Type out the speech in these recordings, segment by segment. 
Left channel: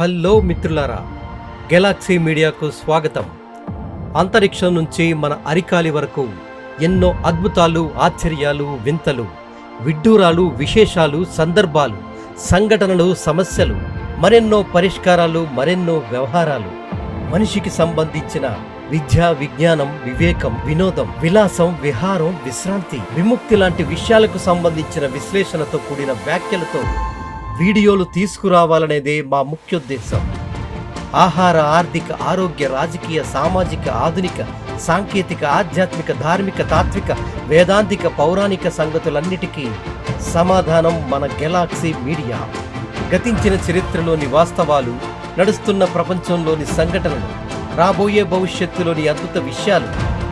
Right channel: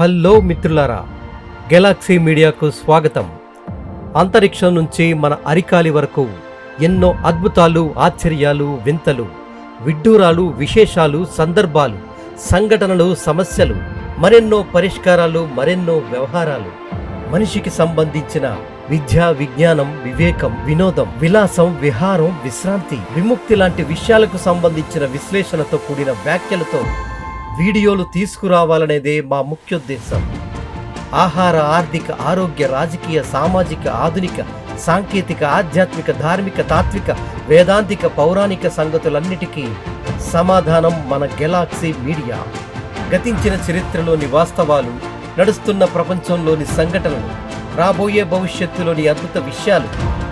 Hello మిత్రులారా, Galaxy మీడియాకు స్వాగతం. అంతరిక్షం నుంచి మన అరికాలి వరకు ఎన్నో అద్భుతాలు, ఆశ్చర్యాలు, వింతలు, విడ్డూరాలు, విశేషాలు, సందర్భాలు, సంఘటనలు, సమస్యలు, మరెన్నో పరిష్కారాలు, మరెన్నో వ్యవహారాలు, మనిషికి సంబంధించిన విద్య, విజ్ఞానం, వివేకం, వినోదం, విలాసం, విహారం, విశ్రాంతి, విముక్తి లాంటి విషయాలకు సంబంధించిన విశ్లేషణతో కూడిన వ్యాఖ్యలతో వీడియోలు తీసుకురావాలనేదే మా ముఖ్యోద్దేశం. ఆహార, ఆర్థిక, ఆరోగ్య, రాజకీయ, సామాజిక, ఆధునిక, సాంకేతిక, ఆధ్యాత్మిక, ధార్మిక, తాత్విక, వేదాంతిక, పౌరాణిక సంగతులన్నిటికీ సమాధానం మన గెలాక్సీ మీడియా. గతించిన చరిత్రలోని వాస్తవాలు, నడుస్తున్న ప్రపంచంలోని సంఘటనలు, రాబోయే భవిష్యత్తులోని అద్భుత విషయాలు,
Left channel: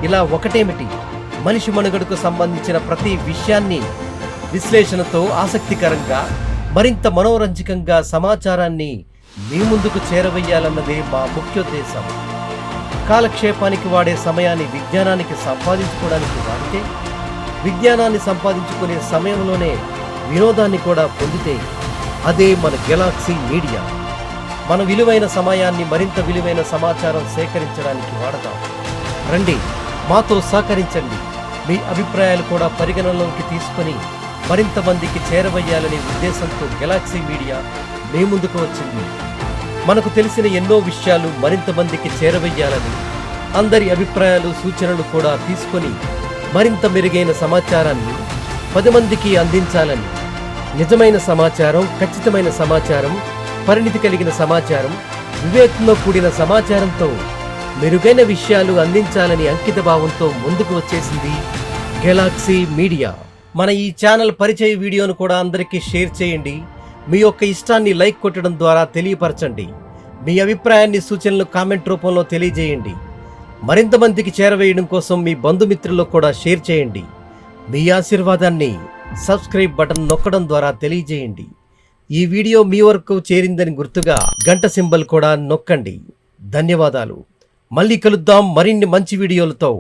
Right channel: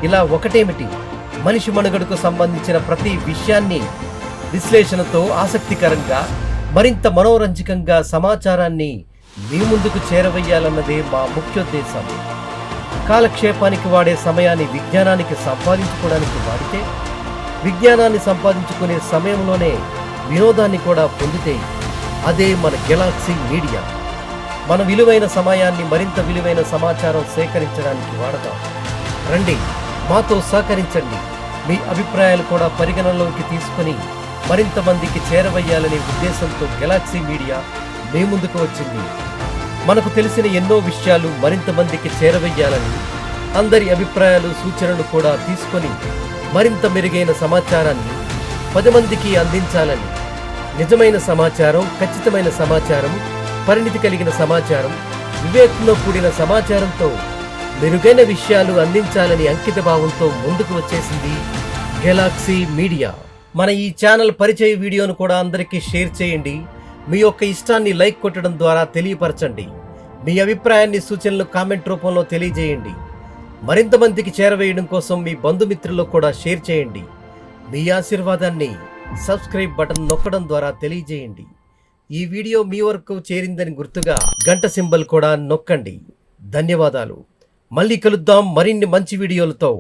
ఇలా ఒకటేమిటి, మనిషి మనుగడకు సంబంధించిన ప్రతి విషయాన్ని విశ్లేషణతో ఆసక్తికరంగా, మరింత మనోరంజకంగా సమాచారాన్ని మీ ముందుకు చేరవేయాలన్నదే మా ముఖ్యోద్దేశం. కాలక్షేపానికి వాడే సమయాన్ని విజ్ఞానానికి సంపాదించుకోవడానికి వాడితే, విజ్ఞానాన్ని సంపాదించుకునే సమయంలోనే వినోదాన్ని కూడా పొందితే అదే మన గెలాక్సీ మీడియా. మన విలువైన సమయాన్ని మరింత విలువైన సమాచారం సేకరించడానికి వాడదాం. రండి, మాతో సహకరించండి. మీ అభిప్రాయాలు కూడా పరిగణనలోకి తీసుకొని మరింత మందికి చేరవేయాలనే ఉద్దేశంతో గెలాక్సీ మీడియా మీ ముందుకు వచ్చింది. మనకు తెలిసిన ఎన్నో విషయాలు మరింత మందికి చేరవేయాలని, అందరి అభిప్రాయాలు, సూచనలు కూడా తీసుకొని మరింత మెరుగైన సమాచారాన్ని 10 మందికి అందించాలని. నిజమైన సమాచారం, ఖచ్చితమైన సమాచారం, పరిణితి కలిగిన సమాచారం, వివేకంతో కూడిన సమాచారంతో మెరుగైన విషయాలు అందించాలని అంకిత భావంతో ముందుకు వచ్చేసింది గెలాక్సీ మీడియా. మన ఈ ఛానల్ పరిచయ వీడియోను కూడా అందరికీ షేర్ చేయండి. మీ యొక్క ఇష్టాన్ని లైక్ కొట్టడం ద్వారా తెలియపరచండి. మీ అభిప్రాయాన్ని, సూచనలు కామెంట్ రూపంలో తెలియజేయండి. మరింత మందికి చేరవేయడం కోసం మీ బంధుమిత్రుల్లో కూడా షేర్ చేయండి. మీ ఆశీర్వాదాన్ని సబ్స్క్రైబ్ బటన్ నొక్కడం ద్వారా తెలియజేయండి. ఈ వీడియో మీ వరకు చేరిందని గుర్తుగా గంట సింబల్ కూడా నొక్కండి. ధన్యవాదాలు. మళ్ళీ కలుద్దాం మరిన్ని మంచి వీడియోలతో.